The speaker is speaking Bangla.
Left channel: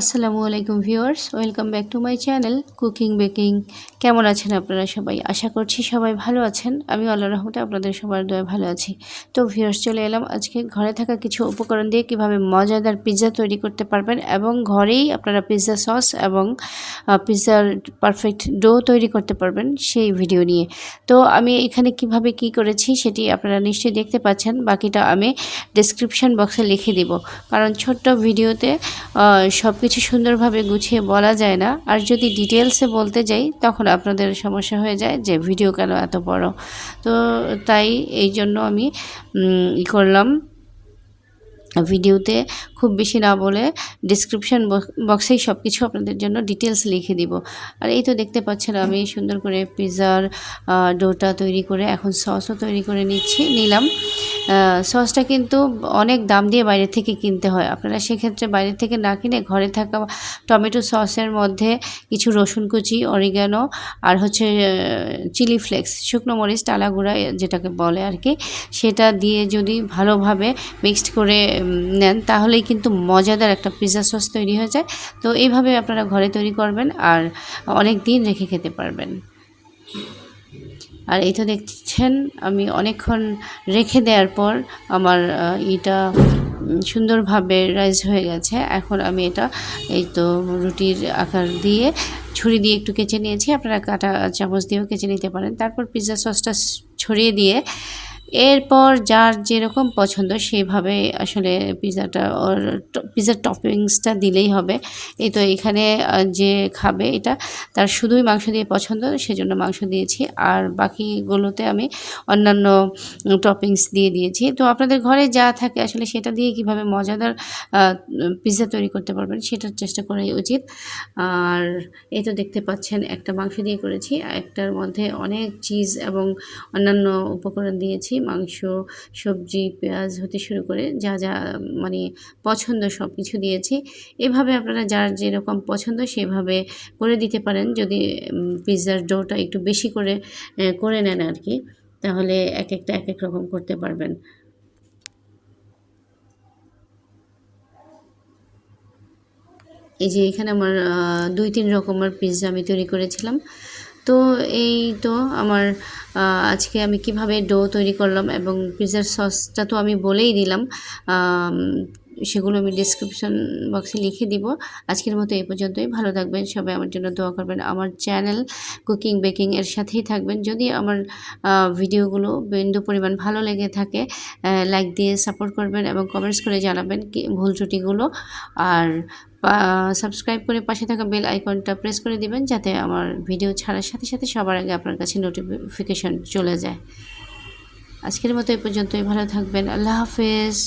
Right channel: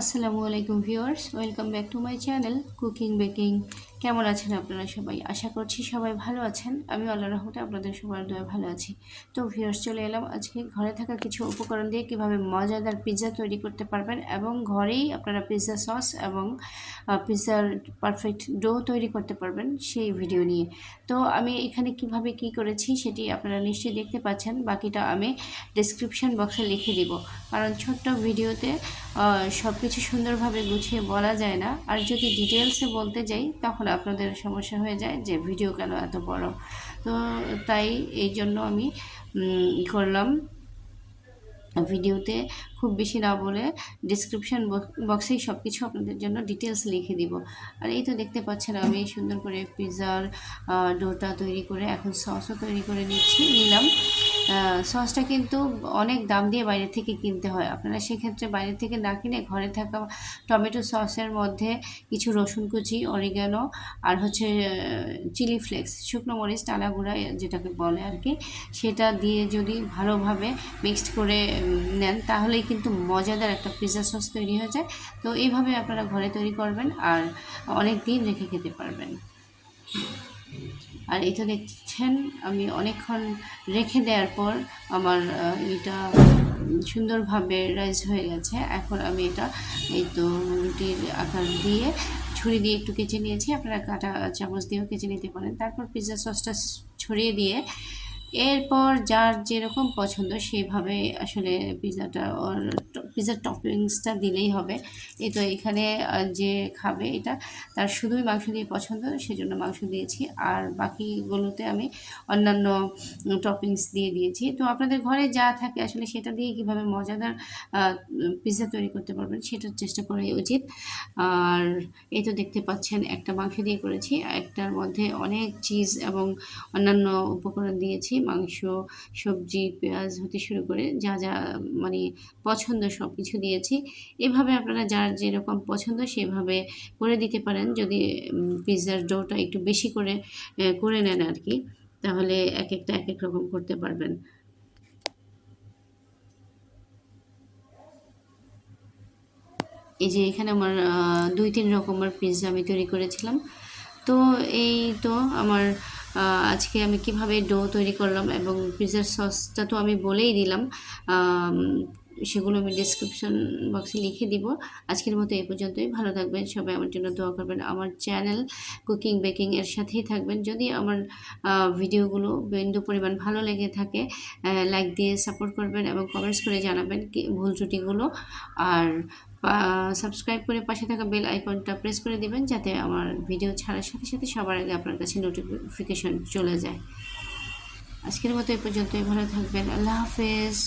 আসসালামু আলাইকুম viewers, welcome back to my channel cooking baking. কেমন আছেন আপনারা সবাই? আশা করছি সবাই ভালো আছেন। আমি আল্লাহর রহমতে আপনাদের সবার দয়ায় ভালো আছি। তো ভিউয়ার্স, চলে এলাম আজকে ঘরে থাকা কিছু উপকরণ দিয়ে কিভাবে মজাদার পিৎজা তৈরি করতে পারবেন এবং ঘরেই আপনারা পিৎজা সস এবং পিৎজার পারফেক্ট ডো তৈরি করতে পারবেন সেই ভিডিও নিয়ে। তো আমি এখানে কিভাবে কি করেছি সেটি আপনারা নিশ্চয়ই দেখতে পাচ্ছেন। বাকিটা আমি ডেসক্রিপশন বক্সে লিখে দিব, কারণ ছোট্ট ভিডিওতে সব কিছু সুন্দরভাবে গুছিয়ে বলা যায় না। আর যদি ডিটেলসে বলতে যাই তখন আপনাদের সমস্যা হয়ে যায় যে ভিডিও কেন এত বড়। তো তাই এই জন্য আমি করলাম, ভিডিওতে খুব বেশি না বলে ডিসক্রিপশন বক্সেই সব কিছু আপনাদের জন্য ডিটেলস লিখে দিব। আর এই তো দেখতে পাচ্ছেন আমি সুন্দর করে পিৎজার ডোটা তৈরি করে এখন সসও তৈরি করে নিলাম। সসটা কিন্তু অনেক দাম দিয়ে বাইরে থেকে কিনতে হয়। আপনারা সেক্ষেত্রে বাইরে থেকে না কিনে ঘরে থাকা টমেটো সসের মধ্যে কিছু রসুন কুচি, অরিগানো আর হচ্ছে চিলি ফ্লেক্স, শুকনো মরিচ টালা গুঁড়া যেটাকে বলে আর কি, সেটা দিয়ে যদি ভালোভাবে মিক্সড করে নেন তাহলেই কিন্তু মজাদার একটা পিৎজা সস তৈরি হয়ে যায়। তো এইভাবে আপনারা ঘরে তৈরি করবেন আর অনেক দিন রেখে খেতে পারবেন। আর এই তো দেখছেন আমি অনেকক্ষণ রেখে দেওয়ার পর আমার এটা সুন্দরভাবে রাইজ হয়ে গেছে। এখন আমি এটা এই তো রুটির আকার দিয়ে ছুরি দিয়ে একটু কেচে নিয়েছি, আপনারা কাঁটা চামচ দিয়েও কেচে নিতে পারেন। তারপর পিৎজা সসটা ছড়িয়ে দিয়ে এরপর যার যেরকম পছন্দ সেভাবে আসলে পিৎজার টপিংসটা দিলেই হবে। এই তো এখানে যে খাবে এটা তার শুধুই মাংস দিয়ে পছন্দ, সেজন্য মাংস দিয়েছি, আর বাকিগুলোতে আমি অন্যান্য টপিংস দিয়ে দিয়েছি। তো আপনাদের ঘরে যা থাকে আসলে সেটা দিয়ে কিভাবে মজাদার পিৎজা তৈরি করতে পারবেন সেটার চেষ্টা করাই উচিত। আর এই তো দেখতে পাচ্ছেন একটা মাংস দিয়ে করেছি, একটার মধ্যে অনেক চিজ এবং অন্যান্য উপকরণ দিয়েছি, মাংস, সবজি, পেঁয়াজ হতে শুরু করে যা যা মানে পছন্দ সব কিছু দিয়েছি। এভাবে আপনারা যার যেরকম পছন্দ সেভাবে করে দিতে পারেন। যদি পিৎজার ডোটা একটু বেশি করে নেন আর কি, তাহলে এক একটা এক এক রকম করতে পারবেন। এই যে এখানে আমার 2-3 রকমের পিৎজা আমি তৈরি করেছিলাম। তো এই তো আমার আজকে আমি কিভাবে ডো তৈরি করলাম এবং পিৎজার সসটা তো আমি বলেই দিলাম, সেগুলো আমি ডিসক্রিপশন বক্সে লিখে দিব। আজকের মতো এই পর্যন্তই। ভালো থাকবেন সবাই, আমার জন্য দোয়া করবেন। আমার চ্যানেল কুকিং বেকিং এর সাথেই থাকবেন। যদি আমার ভিডিওগুলো বিন্দু পরিমাণ ভালো লেগে থাকে লাইক দিয়ে সাপোর্ট করবেন এবং কমেন্টস করে জানাবেন কি ভুল ত্রুটিগুলো। আর সাবস্ক্রাইব করে পাশে থাকা বেল আইকনটা প্রেস করে দিবেন, যাতে আমার ভিডিও ছাড়ার সাথে সাথে সবার আগে আপনার কাছে নোটিফিকেশন চলে যায়। আজকের মতো এই পর্যন্তই। ভালো থাকবেন। আল্লাহ হাফেজ।